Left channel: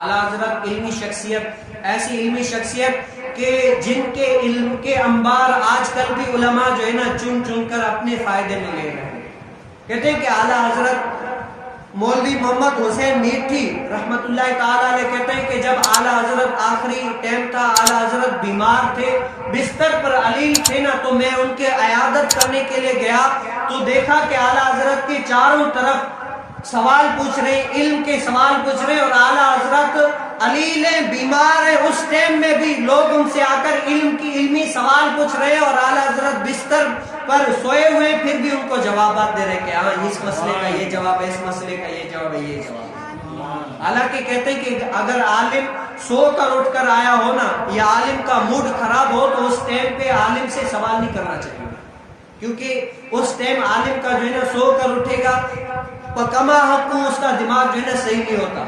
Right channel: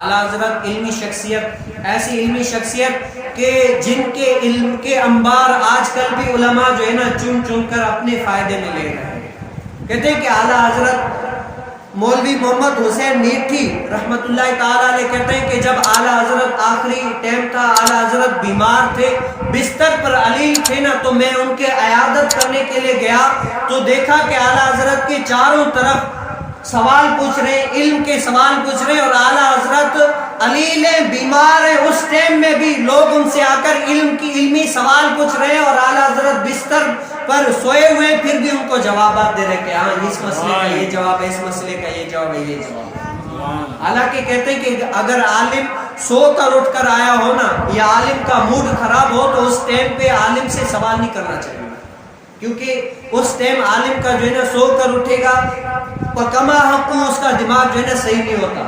اعلیٰ حضرت علمی شخصیت، ایسی علمی شخصیت کہ جن کے علم کے انبار آج کل بھی علماء جو ہے نا چن چن کر اپنے فائدے میں لے رہے ہیں۔ کہتے ہیں کہ اعلیٰ حضرت مولوی محمد حسین میٹھی رحمت اللہ تعالیٰ علیہ کہتے ہیں کہ جب اعلیٰ حضرت آخری ٹائم تھا، اعلیٰ حضرت بیمار تھے، بستر پر علیل تھے نا، تو میں ان کے عیادت کرنے کے لیے گیا تو دیکھا کہ اعلیٰ حضرت کے چاروں طرف سوال پوچھ رہے ہیں، علم کے سوال پوچھ رہے ہیں، اور اعلیٰ حضرت علیل ہیں، بیمار ہیں، اس ٹائم میں بھی لوگ ان سے آ کر علمی سوال پوچھ رہے ہیں، اور اعلیٰ حضرت بستر پر سوئے ہوئے پھر بھی ان کو جوابات دے رہے کہ ہاں اس مسئلے کا یہ جواب ہے، اس مسئلے کا یہ جواب ہے، یہ جواب۔ حالانکہ کہتے ہیں کہ اگر عالم سو کر اٹھ کر آیا ہو نا، یا عالم کا موڈ خراب ہو، تو اس ٹائم پہ عالم سے سوال نہیں کرنا چاہیے، کیونکہ اس ٹائم عالم کا جو ہے نا سو کر اٹھے گا، کما حقوں اس کا دماغ جو ہے نا صحیح نہیں ہوتا،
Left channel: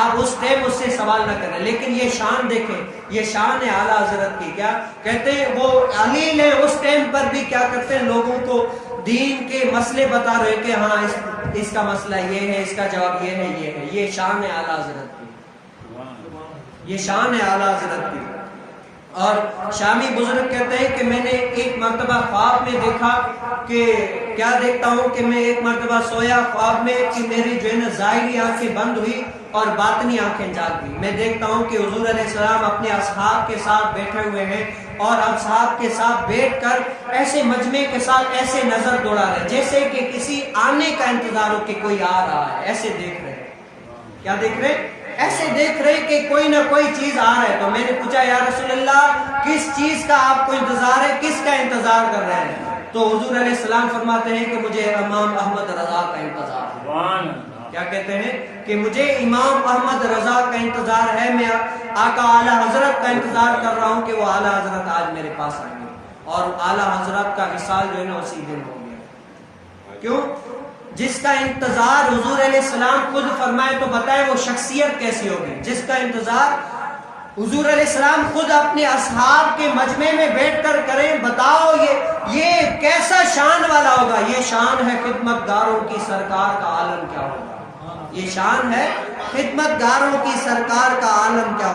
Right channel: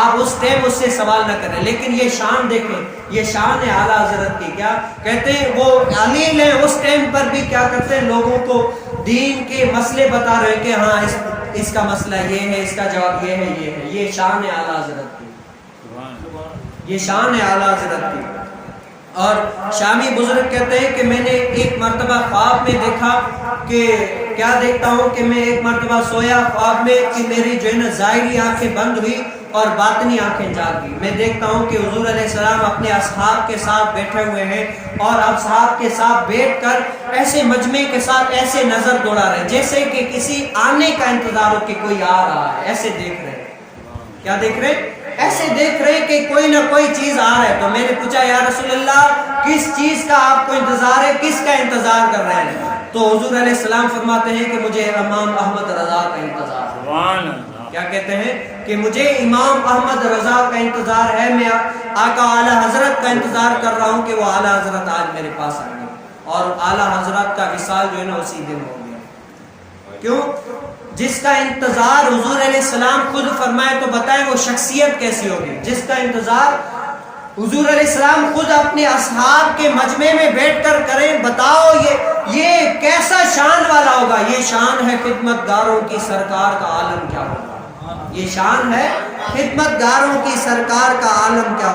آپ اس ٹائم اس سے سوال نہ کریں۔ لیکن یہ شان دیکھیں، یہ شان ہے اعلیٰ حضرت کی، کیا کہتے ہیں وہ علیل ہیں، اس ٹائم پر بھی کیا کرتے ہیں، لوگوں کو دین کے مسئلے بتا رہے ہیں کہ ہاں اس کا مسئلہ یہ ہے، اس کا جواب یہ ہے، یہ ہے۔ یہ شان ہے اعلیٰ حضرت کی، یہ شان ہے اعلیٰ حضرت کی۔ اور شامی بزرگ کہتے ہیں کہ میں نے ایک مرتبہ خواب میں دیکھا کہ کیا دیکھتا ہوں کہ میں ایک مرتبہ سویا خواب میں کہ میری جو ہے نا ظاہری آنکھیں بند ہوئی اور باطنی آنکھیں جاگ گئی۔ میں دیکھتا ہوں کہ حضور علیہ السلام اپنے اصحاب کے ساتھ بیٹھے ہوئے ہیں، اور اصحاب کے ساتھ بیٹھ کر ایسے مجمع کے ساتھ ایسے نظر دوڑا رہے ہیں جیسے کہ کسی آنے کا انتظار ہو کہ کوئی آ رہا ہے، ایسے دیکھ رہے ہیں۔ کیا دیکھ رہے ہیں؟ ایسے دیکھ رہے کہ کوئی نہ کوئی چیز آ رہا ہے۔ تو میں نے پوچھا یا رسول اللہ کس چیز کا آپ کو انتظار ہے، کس کا انتظار کر رہے ہیں؟ تو حضور علیہ السلام فرماتے ہیں کہ مجھے امام احمد رضا کا انتظار ہے۔ کیا کہتے ہیں کہ مجھے امام احمد رضا کا انتظار ہے، میں آقا اعلیٰ حضرت کا انتظار کر رہا ہوں کہ وہ اعلیٰ حضرت آج میرے پاس آ گئے، اور اعلیٰ حضرت کا وصال جو ہے نا اسی دن ہو گیا۔ کیوں؟ جس کا انتظار حضور علیہ السلام خود فرمائے تو بتائیں وہ شخصیت کیسی ہوگی، جس کا انتظار حضور علیہ السلام خود اپنے اصحاب کے مجمع میں بیٹھ کر کریں، بتاؤ یہ کیسا شان والا ہوگا۔ یہ شان ہے خدمت گاروں کی سرکار کا عالم کیا ہوگا، یہ شان ہے خدمت گاروں کی سرکار کا عالم کیا ہوگا۔